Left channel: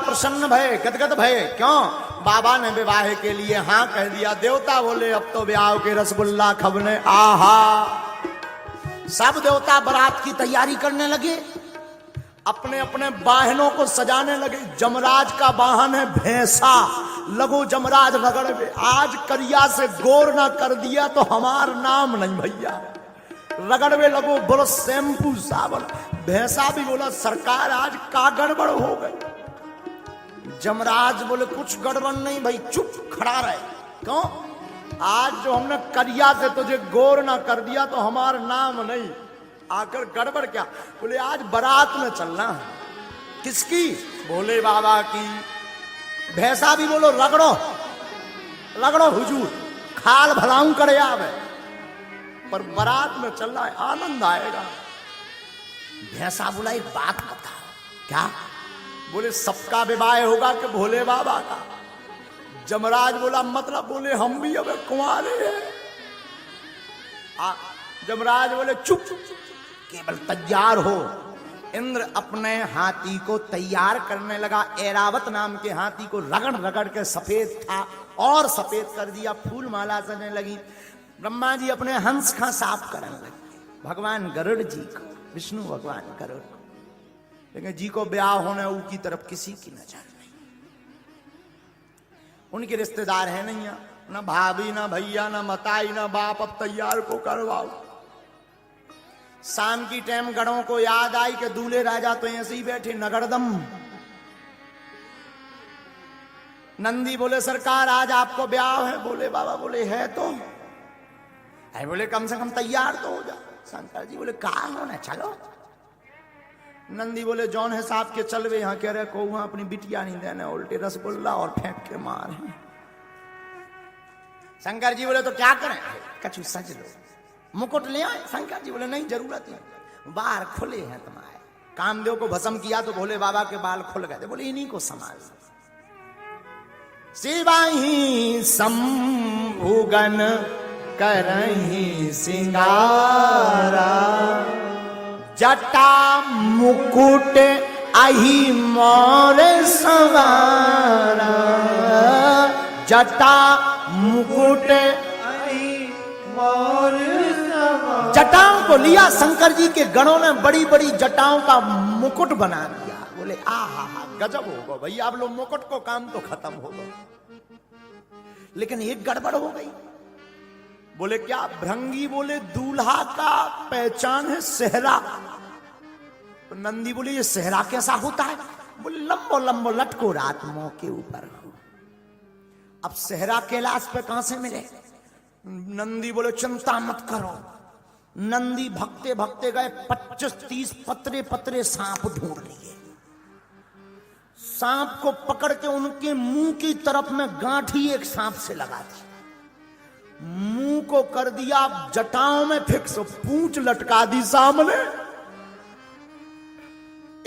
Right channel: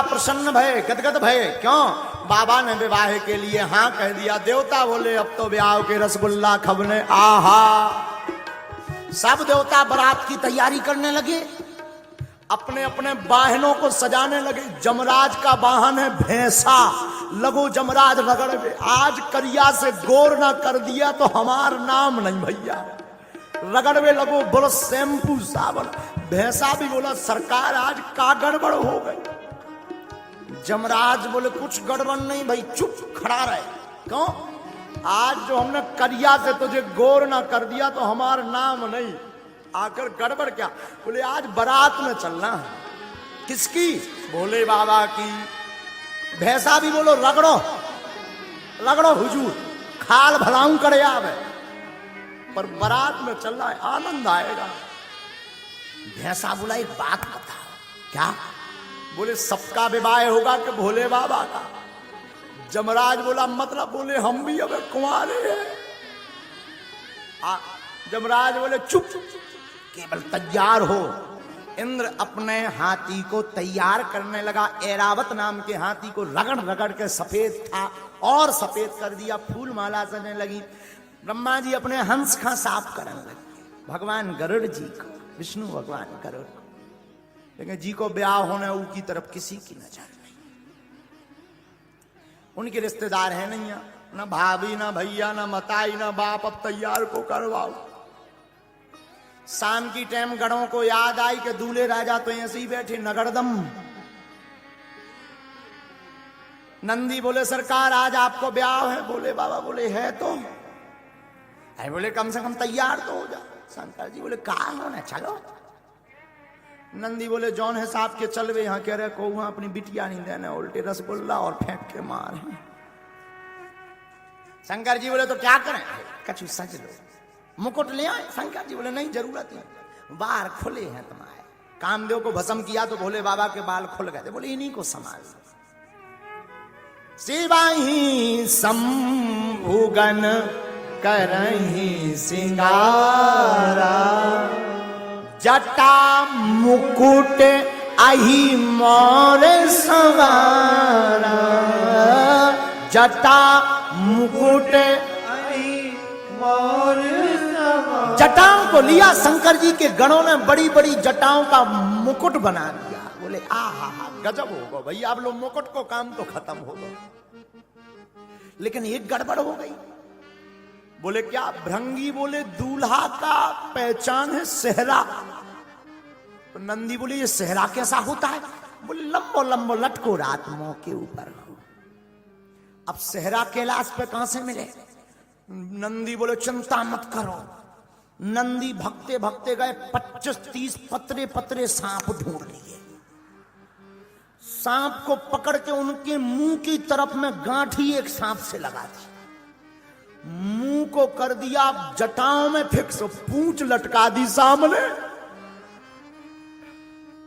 देवता प्रसन्न भय, गदगद भय। क्यों? बाबा ने विवाह के लिए हाँ कह दिया। देवता बोले अब तो ब्याह के रसगुल्ला खबने। आहा, सब देवता बारात की तैयारी करने लगे, अपने अपने वाहनों को सजाने लगे। जमराज का वाहन है भैंसा, लघु जमराज रगड़ में। आज करिया से गोर ना कर दिया तो हमार नाम नहीं भैया। रगड़ में लघु ब्रश शैम्पू साबुन। भैंसा भी बोला सरकार आज का गड़बड़ हो गई। जमराज बोले कुछ गड़बड़ नहीं भाई, चुप खड़ा रहे। क्यों? आज जो हमने करिया से तुझे गोर ना कर दिया तो हमार नाम नहीं। आखिर गड़बड़ क्या? बोले आज बारात में चलना। किसकी? भोले बाबा की। भैंसा भी बोलो रगड़ो रगड़ो हुजूर, खाल भराऊं करे आवे, पर बारात में चलना है, आनंद आएगा। भैंसा बोला एक बात बता। क्या? बोले सबका विवाह होगा कि भोले बाबा का? जमराज बोला मतलब? बोले हम भी अगर कुंवारे हैं। जमराज बोले चुप, केवल तैयार हो। इंद्र अपने हाथी को तैयार करने लगा। ऐरावत नाम के हाथी को रगड़ रगड़ के सफेद था और सफेद कर दिया, फूल माला चलने लगी। ब्रह्मा जी अपने हंस का साफ करने लगे। भगवान गरुड़ जी का, विष्णु भगवान गरुड़, लेकिन जी को ब्याह होने उनकी तरफ किसी की नजर नहीं। उनके रिश्तेदार है नहीं, ना भाभी ना भैया ना मताई ना बाप। अब तैयार को करवाओ। शाम की टाइम गणों को याद आई कि दूल्हे राजा तो ऐसे ही बैठे नगरदम। नंदी बोले सरकार आज आपको ब्याह है। बोले बाबा बोले है तो है। बोले कम से कम तैयार तो हो गया। शंकर जी बोले कहाँ है, चलो। नंदी बोले जौन है साहब के चल गए। यहाँ कह रहे को अपनी बिटिया नहीं देने, उल्टे रसगुल्ला और फेंक के मार। शंकर जी बोले तो क्या करें? कच्ची सज लो, मुकुट ले आए। शंकर जी बोले नहीं जरूरत है, बाल खुले हैं तुम्हारे। कामदेव को भस्म किया तो भोले बाबा के बाल खुल गए थे। बोले इन्हीं को संभाल। शिवाही शंभुगन करहि सिंगारा, जटा मुकुट अहि मोर सवारा। जटा मुकुट अहि मोर सवारा। जटाओं को लिया शंकर जी के गणों ने, बड़ी बड़ी जटाओं का मुकुट बना दिया। बोले आहा गजब होगा भैया, आप लोग मुकुट को काम तो खत्म होगा। लेकिन एक गड़बड़ हो गई। बोले क्या? भृंगी बोले दूल्हा का पहचान है सेहरा। नंदी बोले ये सेहरा कैसा होता है? बोले लंबो लंबो लटको रात मुंह के ऊपर हो। अब सेहरा कैलाश पे कहां से मिले? नंदी बोले चिंता मत करो। नंदी भगते भगते गए 25-30 पतरे पतरे सांप ढूंढ लिए। सांप को पकड़ के उनके मुंह की तरफ में गांठी एक सांप से लगा दी। मुंह को कर दिया जटाओं में फिक्स, पूंछ लटका दी सामने।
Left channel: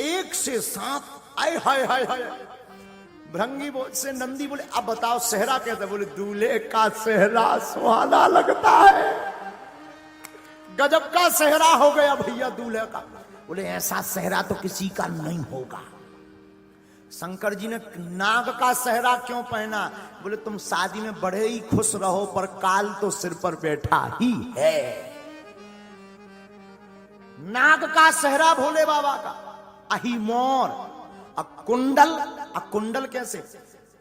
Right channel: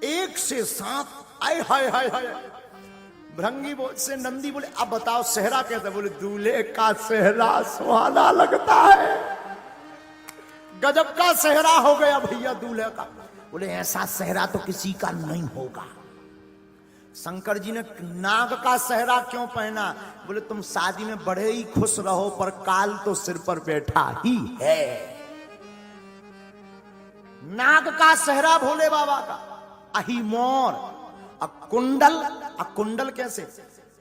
एक से सांप आए हाय हाय हाय। भृंगी से नंदी बोले अब बताओ सेहरा कैसे? बोले दूल्हे का सेहरा सुहाना लगता है। गजब का सेहरा हो गया भैया दूल्हे का। बोले ऐसा सेहरा तो किसी का नहीं होगा। शंकर जी ने नाग का सेहरा क्यों पहना? बोले तुम शादी में बड़े ही खुश रहो, पर काल तो सिर पर बैठा ही है। नाग का सेहरा भोले बाबा का। अहि मोर अकुंडल। अकुंडल कैसे?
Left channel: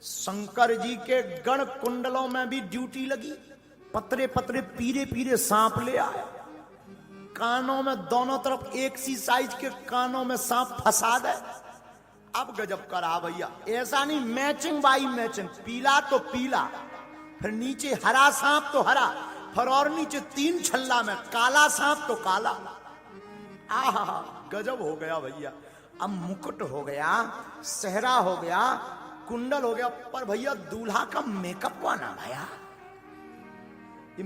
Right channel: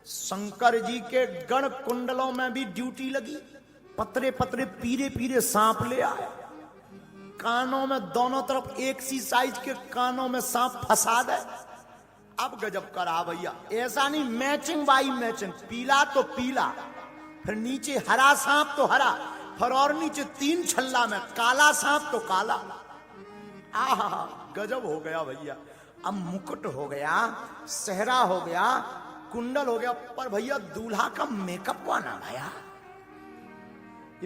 शंकर जी के गण कुंडलों में भी ड्यूटी लगी। पतरे पतरे पीले पीले सांप ले आए। कानों में दोनों तरफ एक सी साइज के कानों में सांप फंसा दे। अब गजब करा भैया। ऐसा नहीं मैचिंग बाई मैचिंग, पीला तो पीला, फिर नीचे हरा सांप तो हरा, फिर और नीचे 3 छल्ला में काला सांप तो काला। आहा गजब हो गया भैया। अब मुकुट हो गया, सेहरा हो गया, कुंडल हो गया, पर भैया दूल्हा का मेकअप आना भैया।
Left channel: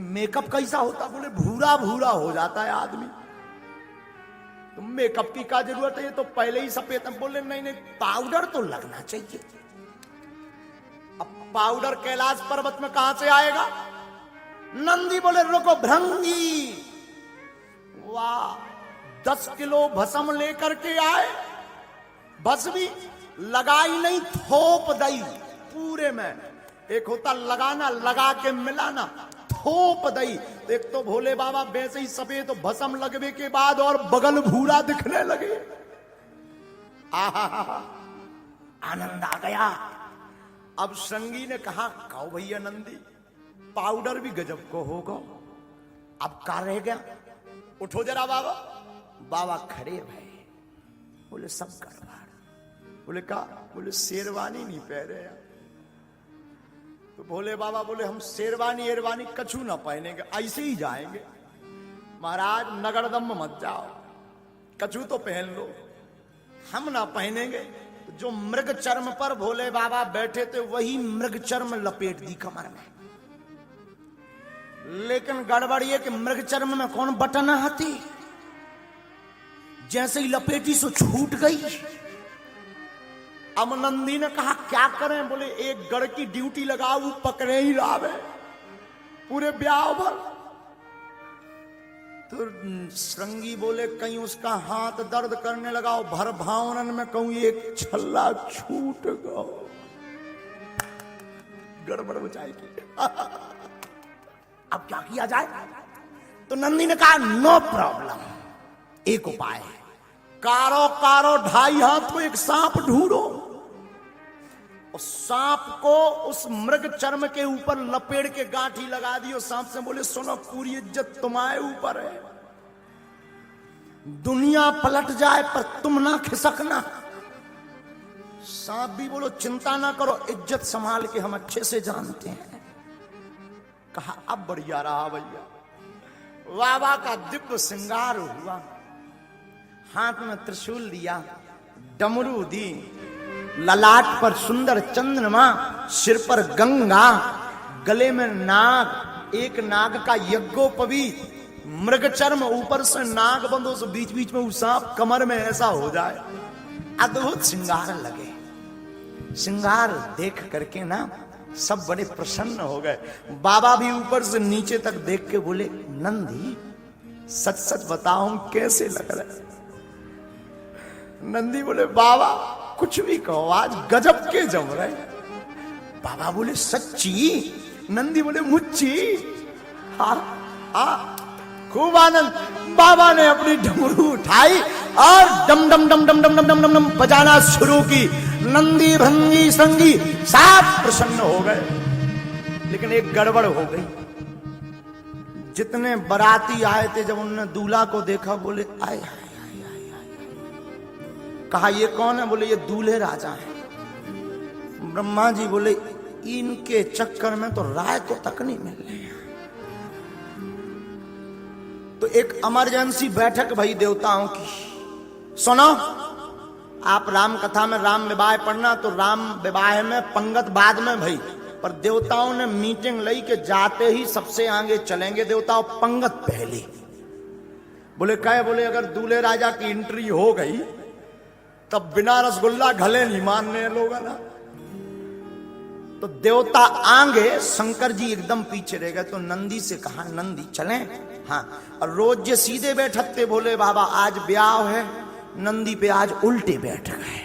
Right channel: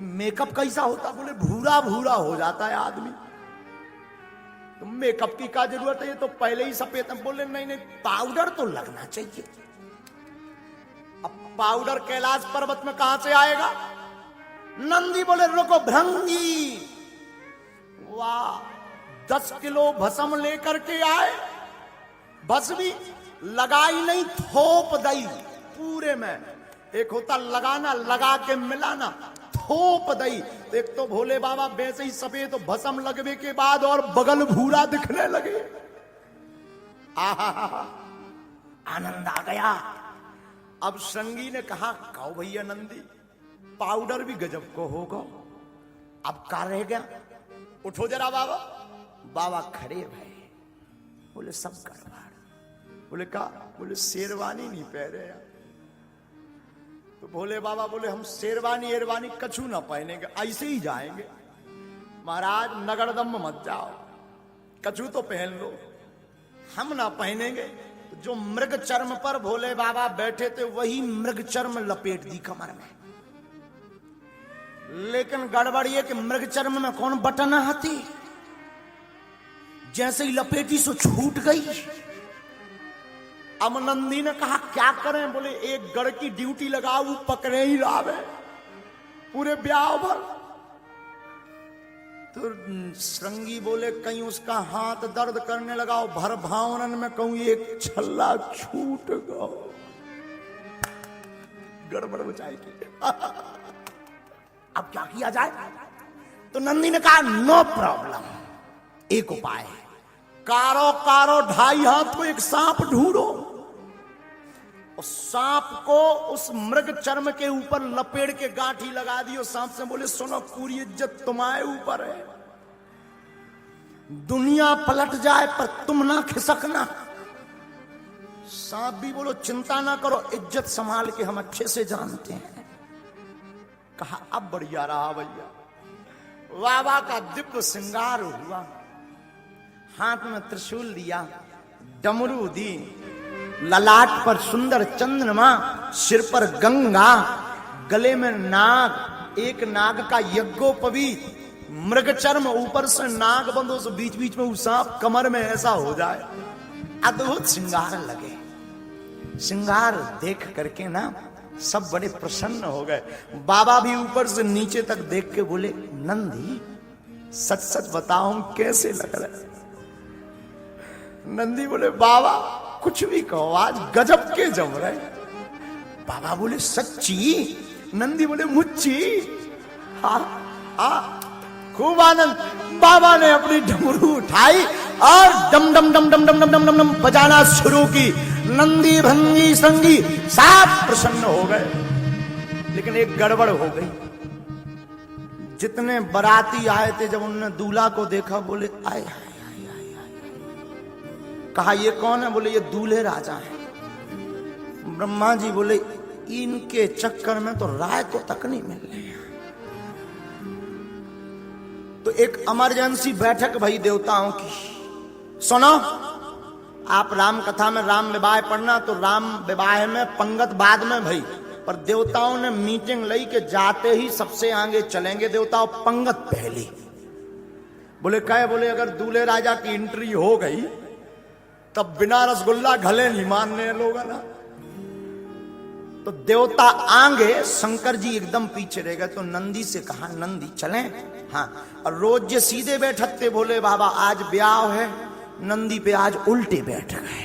मेकअप कैसा होता? बोले भूरा भूरा हो जाता है आदमी। मेकअप की का जरूरत है? तो पहले ही सफेद। बोले नहीं, पाउडर तो लगना चाहिए। अब पाउडर कैलाश पर्वत में कहां से आएगा? नंदी बोले रुको भृंगी, वाह 10 किलो भस्म लेकर के आए। भस्मी लगाई नहीं, थोप दई पूरे में। एक होता लगाना, लगा के मिलाना, थोप दई। एक तो भोले बाबा वैसे ही सफेद तो भस्म लगने के बाद और बगल भूरा दिखने लगे। आनंद आ गया। अब संगी ने कहा, कहो भैया नंदी, पाउडर भी गजब को होगा, अब का रह गया, उठो जरा बाबा। बाबा खड़े भाई, बोले सब कर रहा है। बोले का? बोले शेरवानी नहीं पहने हैं। तो भोले बाबा बोले हम शेरवानी एरवानी कछु ना पहनेंगे, ऐसे ही जाएंगे। महाराज नगरदम मत जाओ, कछु तो पहन लो, हम ना पहनेंगे। जो मृग चर्म पर भोले बाबा बैठे थे वही मृग चर्म लपेट दी कमर में। लेकिन गड़बड़ ये कि मृग चर्म में कौन बटना हाथी, जैसे ही लपेटी सो छूट गई। अब नंदी ने कहा क्या करें? बोले एक गढ़ की ड्यूटी लगाओ, पकड़े ही आवे पूरे ब्याह पर। तो श्रृंगी बोले कहीं उसका हाथ दर्द करने लगा, भर भावनन में कहूं एक छल्ला छूट गया, गड़बड़ हो जाएगी। अब क्या किया जाए? तो नंदी ने कहा नो प्रॉब्लम, एक उपाय, कारो कारो 2.5 हाथ को एक सांप ढूंढो, उस सांप को उस मृग चर्म के ऊपर लपेट के गांठी लगा दियो। सांप से बोले सुनो, पूरी इज्जत तुम्हारे ऊपर है, दुनिया पलट जाए पर तुम ना खिसकना। सांप भी बोलो चिंता ना करो, इज्जत संभाल के हम अच्छे से जानते हैं। कहा अब बढ़िया रहा भैया। बाबा का दिव्य श्रृंगार हुआ, हाथ में त्रिशूल लिया, डमरू दी, ललाट पर सुंदर चंद्रमा, सिर पर गंगा, गले में नाग, एक नाग का यज्ञोपवी, मृग चर्म, ऊपर से नाग बंद, उस बीच बीच में सांप, कमर में ऐसा हो जाए। अद्भुत श्रृंगार लगे। श्रृंगार देख करके ना सब बड़े प्रसन्न हो गए। बाबा भी ऊपर से नीचे तक देख के बोले नंदी सच सच बताऊं कैसे लग रहा है? नंदी बोले बाबा कुछ भी कहो, आज गजब के जम रहे। बाबा बोले सच्ची? नंदी बोले मुच्ची। हाँ हाँ, खूब आनंद। बाबा ने अपनी डमरू उठाई और डम डम डम डम डम डम डम बजाना शुरू की। नंदी भंगी संगी सब प्रसन्न हो गए। लेकिन एक गड़बड़ हो गई। जितने बाराती आए थे, जब उन्होंने दूल्हा को देखा बोले आए। कहा ये कौन है? बोले ये दूल्हे राजा हैं। ब्रह्मा जी बोले इनके चक्कर में तो राय को तक नहीं मिल रही। तो एक इमरजेंसी बैठक भई देवताओं की। सुनो, आप राम कथा में राम विवाह पढ़ना, तो राम विवाह में पंगत बाद में भई, पर देवताओं ने मीटिंग ली के जाते ही सबसे आगे चलेंगे देवताओं, पंगत पहली। बोले कहे? बोले अगर दूल्हे राजा की एंट्री हो गई तब बिना रसगुल्ला गले नहीं मारने लोग ना। तो देवता आगे, शंकर जी एकदम पीछे रह गए। तो नंदी से कहा नंदी चले? हाँ। और रोज ये सीधे बैठते, बोले बाबा आज ब्याह है। नंदी पे आज उल्टे बैठ गए,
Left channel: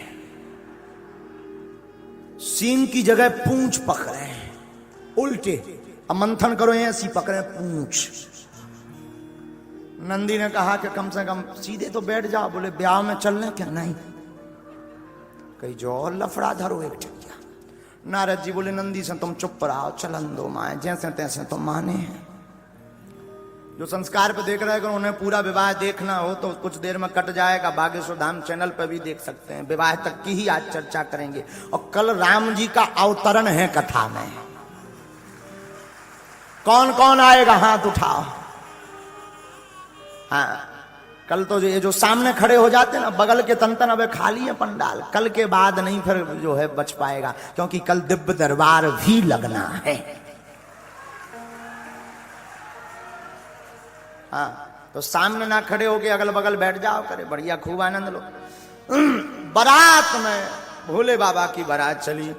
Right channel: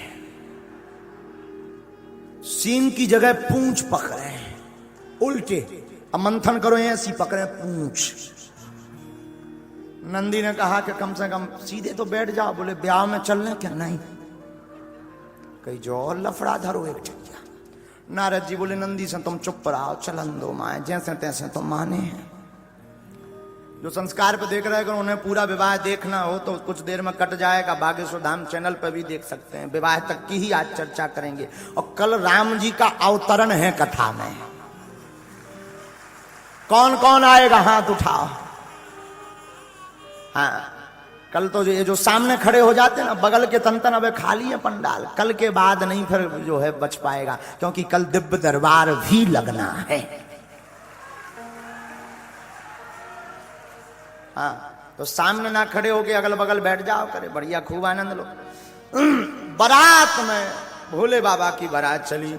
सीन की जगह पूंछ पकड़े, उल्टे मंथन करो ऐसी पकड़े पूंछ। नंदी ने कहा कि कम से कम सीधे तो बैठ जाओ। बोले ब्याह में चल रहे क्या? नहीं, कहीं जो और लफड़ा धरो। नारद जी बोले नंदी से तुम चुप रहो, चलन दो माए, जैसे तैसे तो माने। जो संस्कार को देख रहे हैं, उन्हें पूरा विवाह देखना हो तो कुछ देर में कट जाएगा, बागेश्वर धाम चैनल पर भी देख सकते हैं। विवाह तक की ही आज चर्चा करेंगे। और कल राम जी का अवतरण है कथा में। कौन कौन आएगा हाथ उठाओ। हाँ, कल तो ये जो सामने खड़े हो जाते हैं ना, बगल के तंत्र अब खाली है पंडाल, कल के बाद नहीं फिर जो है बच पाएगा, क्योंकि कल दिव्य दरबार भी लगना है। हाँ, तो सामने ना खड़े हो गए, अगल बगल बैठ जाओ, करे बढ़िया खूब आनंद लो। बारात में भोले बाबा की बारात चली।